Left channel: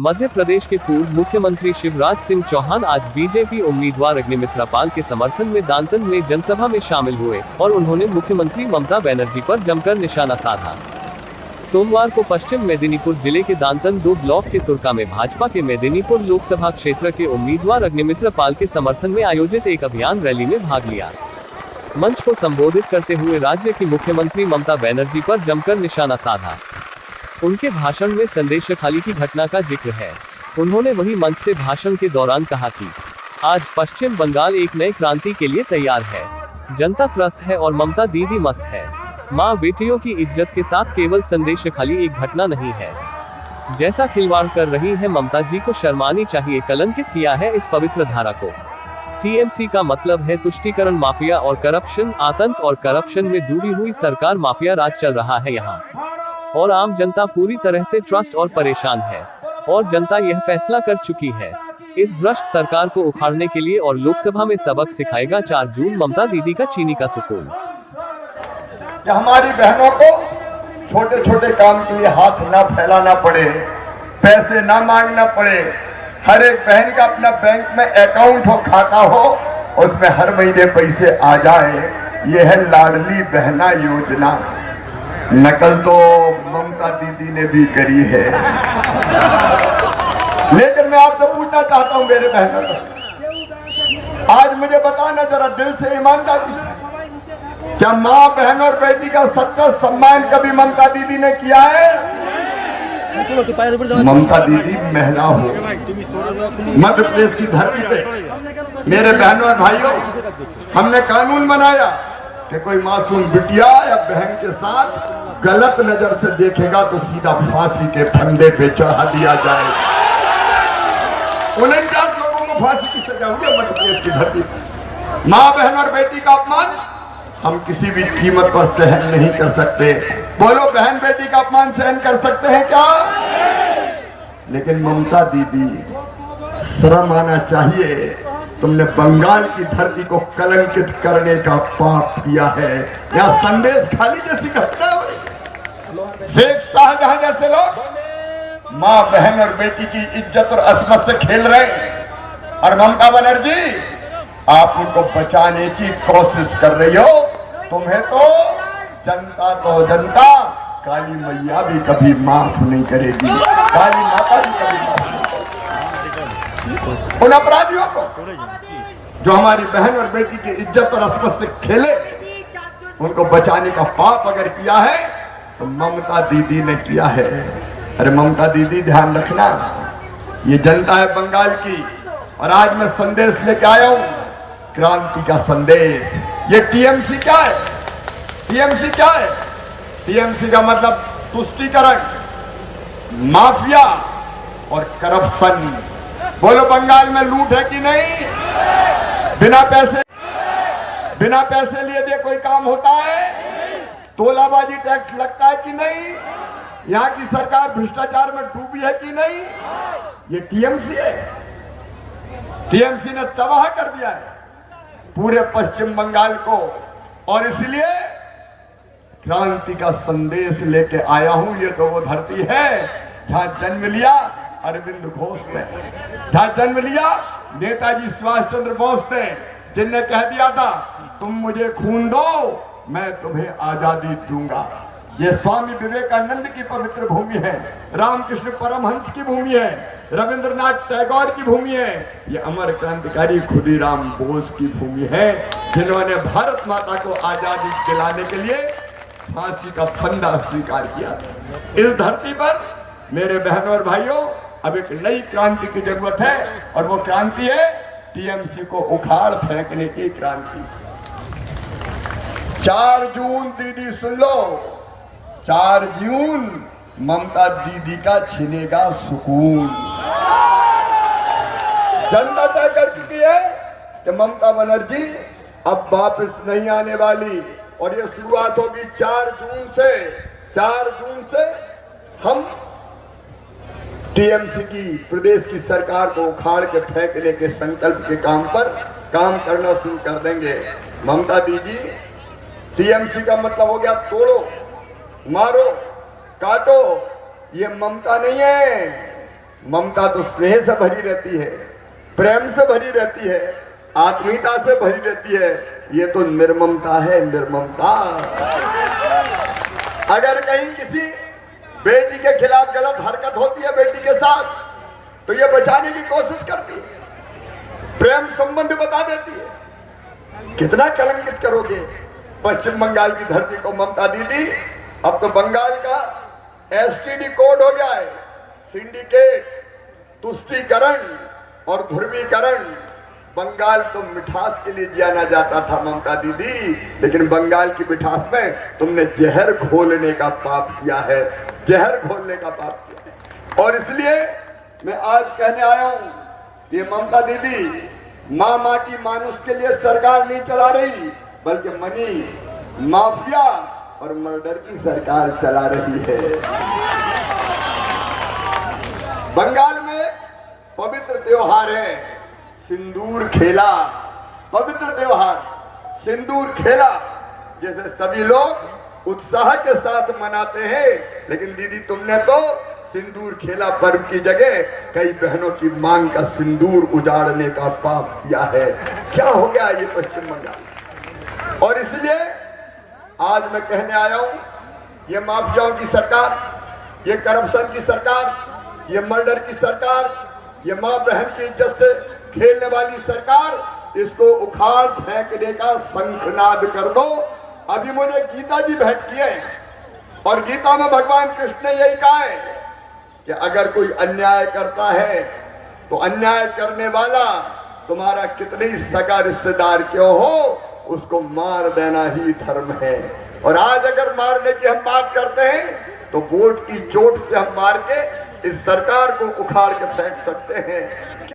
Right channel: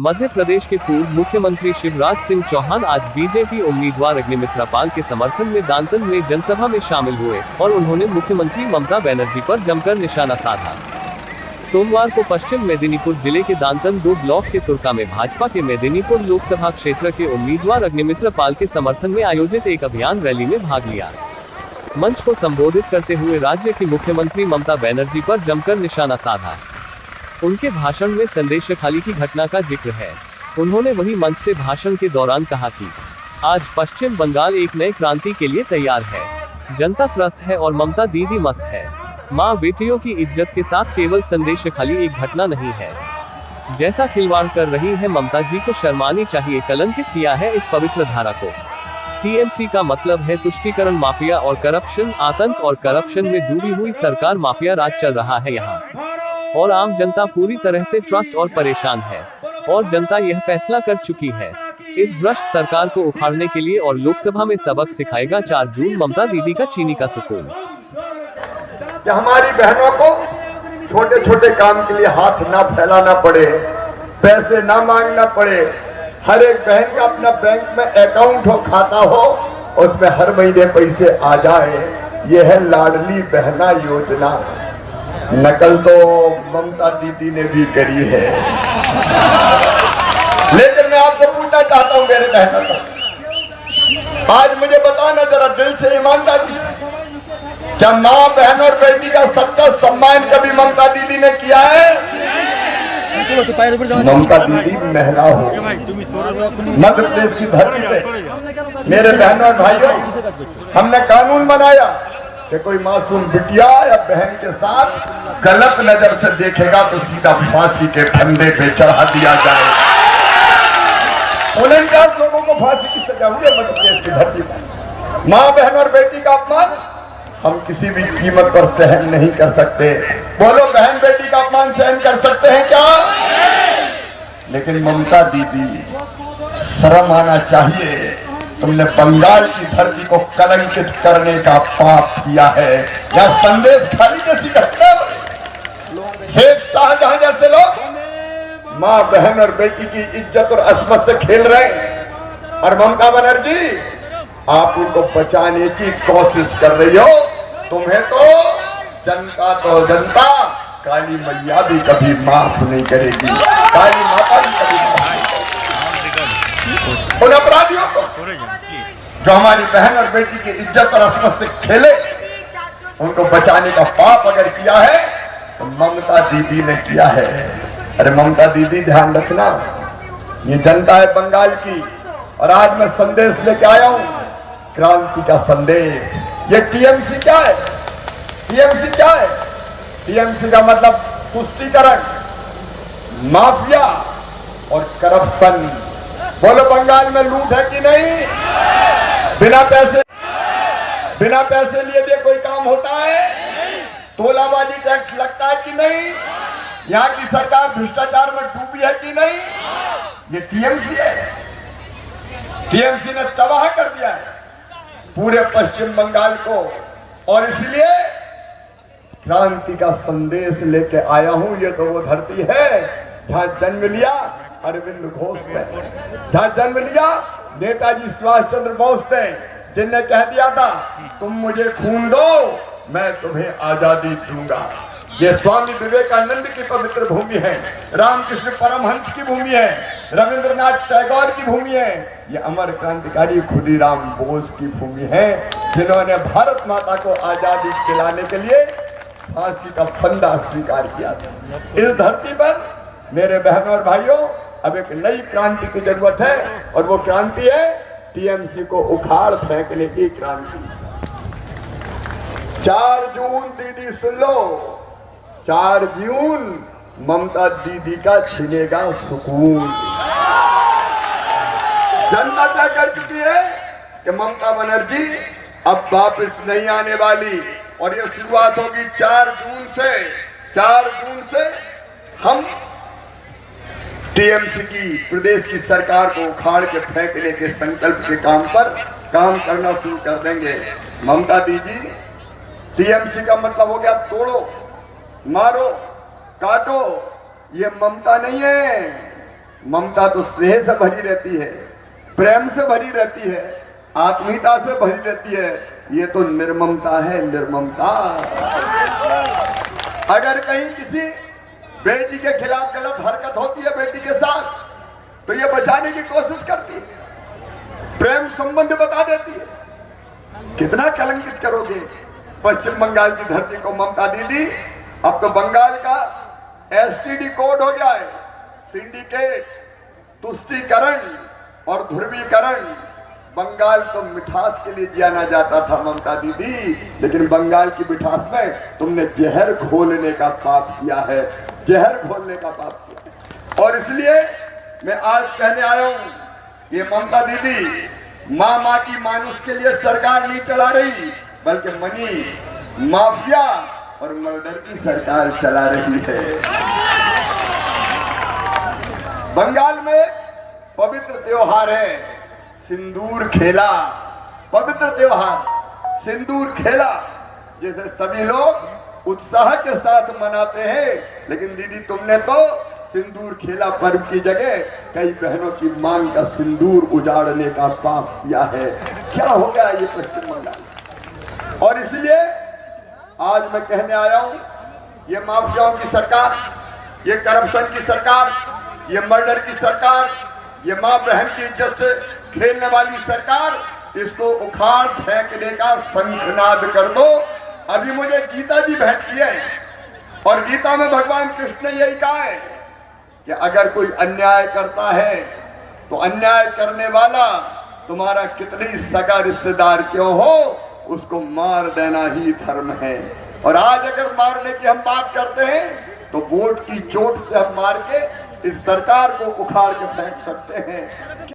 मध्य प्रदेश के पूर्व मुख्यमंत्री शिवराज सिंह चौहान आज बीजेपी उम्मीदवार अग्निमित्रा पाल के समर्थन में दांतन में जनसभा में शामिल हुए और उन्होंने मुख्यमंत्री ममता बनर्जी पर जमकर निशाना साधा। सोमवार को पश्चिम मेदिनीपुर जिले के दांतन 2 ब्लॉक के तुर्का में भाजपा के मेदिनीपुर लोकसभा क्षेत्र के उम्मीदवार अग्निमित्रा पाल के समर्थन में आयोजित एक अभियान रैली में भाग लिया। मंच को संबोधित करते हुए राज्य की मुख्यमंत्री ममता बनर्जी पर जमकर निशाना साधा। उनके भाषण में संदेशखाली की घटना का जिक्र है। उन्होंने वही मंच से भाषण के दौरान कहा कि आज पश्चिम बंगाल एक नए क्रांति के लिए तैयार है। जनता त्रस्त है और ममता दीदी मस्त है। माँ बेटियों की इज्जत के साथ केवल संदेशखाली एक घटना नहीं है। जैसा खिलवाड़ कर रही है ममता जी को शर्मानी चाहिए। कलंकित किया है इस पवित्र धारा को। टीएमसी का मतलब है तुष्टीकरण, माफिया और करप्शन। आतंक और करप्शन में डूबी हुई सरकार, माफिया राज चल रहा है यहाँ और आम जनता पूरी तरह से ट्रस्ट और परेशान है और जनता यह फैसला कर चुकी है इस भ्रष्ट सरकार को उखाड़ने के लिए और लोकसभा में सबक सिखाएगा 4 जून ममता दीदी का चीनी का सुकून। कि हमारी बहनों को छोटे छोटे काम के लिए हाथ ना फैलाना पड़े, पैसे ना मांगना पड़े। हर एक बहन का अपना बैंक में अकाउंट हो, खाता हो, उसमें हर महीने पैसे आ जाए। यह है लाडली बहना योजना। नकल तो ममता दीदी ने भी करी है, लेकिन मैं आपसे पूछना चाहता हूं मेरे बहनों को, आज मुझे बताना जरा दिल से, ईमानदारी से, क्या माँ बहन और बेटी का सच्चा सम्मान कभी ममता दीदी ने किया है? ममता दीदी महिला हो, मध्य प्रदेश की धरती पे मेरे बहनों और भाइयों, हमने कानून बनाया कि कोई मासूम बिटिया या बहन के साथ गलत नजर से देखेगा तो सीधा फांसी के फंदे पे चढ़ा दिया जाए। 49 लोगों को फांसी की सजा हुई मध्य प्रदेश की धरती पर। माँ बहन और बेटी का अपमान हम किसी भी कीमत पर सहन नहीं कर सकते। बोलो, बहन बेटी का अपमान सहन कर सकते हैं क्या? लेकिन ममता दीदी, शर्म आना चाहिए। तुमने बंगाल की धरती को कलंकित करने का पाप किया है। या संदेश खाली जैसी घटना, शेख शाहजहां जैसे लोग माँ बहन और बेटी की इज्जत और असमत से खेल रहे हैं और ममता बनर्जी आप उनको बचाने की कोशिश कर रही हो। तुम्हें तो जनता काली मैया भी कभी माफ नहीं करेगी, काली माता भी कभी माफ नहीं करेगी। उन अपराधियों को जो हमारी बहन और बेटी की इज्जत और असमत से खेले, उनको बचाने का पाप अगर किया है तो ममता दीदी ने किया है। अरे ममता दीदी, ध्यान रखना, ये जनता है बंगाल की और आज मैं संदेश लेके आया हूं, क्रांति का संदेश। ये टीएमसी क्या है? टीएमसी क्या है? टीएमसी का मतलब तुष्टीकरण, माफिया और करप्शन। बोलो, बंगाल में लूट है कि नहीं? बिना पैसे लिए भी कोई काम होता है? तोलाबाजी टैक्स लगता है कि नहीं? यहाँ की सरकार भ्रष्टाचार में डूबी है कि नहीं? ये टीएमसी है। टीएमसी ने तबाह कर दिया है पूरे पश्चिम बंगाल को और इसलिए क्रांति का संदेश लेके आया हूं। ये तो वो धरती है जहां जन्म लिया अरविंद घोष ने, जहां जन्म लिया नेताजी सुभाष चंद्र बोस ने, जिनने कह दिया था तुम मुझे खून दो, मैं तुम्हें आजादी दूंगा। ये स्वामी विवेकानंद की पवित्र भूमि है, रामकृष्ण परमहंस की भूमि है, रविंद्रनाथ टैगोर की भूमि है, ये अमर क्रांतिकारी खुदीराम बोस की भूमि है, जिन्होंने भारत माता को आजादी दिलाने के लिए फांसी का फंदा स्वीकार किया था। इस धरती पर मेरे बहनों और भाइयों, अब एक नई क्रांति की जरूरत है और वो क्रांति है टीएमसी को उखाड़ फेंकने की क्रांति। 4 जून दीदी सुन लो, 4 जून ममता दीदी का छिनेगा सुकून। जनता तय कर चुकी है कि ममता बनर्जी अब वापस नहीं आने वाली और ये शुरुआत होगी 4 जून से। 4 जून से हम टीएमसी की प्रदेश की सरकार को उखाड़ के फेंकने के संकल्प के काम पर काम करना शुरू कर देंगे। ममता दीदी, टीएमसी का मतलब हो गया तोड़ो, मारो, काटो। ये ममता नहीं है, ममता तो स्नेह से भरी रहती है, प्रेम से भरी रहती है, आत्मीयता से भरी रहती है। ये तो निर्ममता है, निर्ममता। अगर कहीं किसी बेटी के खिलाफ गलत हरकत होती है बेटी के साथ, तो ये बचाने की कोशिश करती है, प्रेम संबंध बता देती है। कितना कलंकित करोगे पश्चिम बंगाल की धरती को ममता दीदी। अब तो बंगाल का एसटीडी कोड हो गया है, सिंडिकेट, तुष्टीकरण और ध्रुवीकरण। बंगाल तो मिठास के लिए जाना जाता था ममता दीदी, लेकिन बंगाल की मिठास में तुमने जहर घोलने का पाप किया है, जहर घोलने का पाप किया है। और इसलिए मैं आज कहने आया हूं, ये ममता दीदी माँ माटी मानुष के लिए सरकार नहीं चला रही, बल्कि मनी माफिया और मर्डर की सरकार चला रही है। बंगाल में पवित्र त्योहार है सिंदूर खेला, पवित्र त्योहार सिंदूर खेला, जैसे सभी लोग उत्साह के साथ मनाते हैं। लेकिन दीदी तुमने तो सिंदूर खेला पर्व की जगह कई बहनों की मांग का सिंदूर उजाड़ने का पाप किया है। क्या हो गया ये पश्चिम बंगाल। और इसलिए आज मैं कहने आया हूं, ये माफियाओं की सरकार, ये करप्शन की सरकार, ये मर्डर की सरकार, ये माँ बहन की इज्जत से खेलने वाली सरकार, इसको उखाड़ फेंकने का शंखनाद कर दो। अभी मुझे गीता जी भेंट की है, और गीता में भगवान कृष्ण ने यही कहा है कि अगर कोई अन्याय करता है तो अन्याय करने वाला तुम्हारा कितने ही सगा रिश्तेदार क्यों हो, उसको मार देना ही धर्म है। और आज अगर मारने की हम बात करते हैं तो वोट की चोट से हम मार के इस सरकार को उखाड़ के फेंक सकते हैं।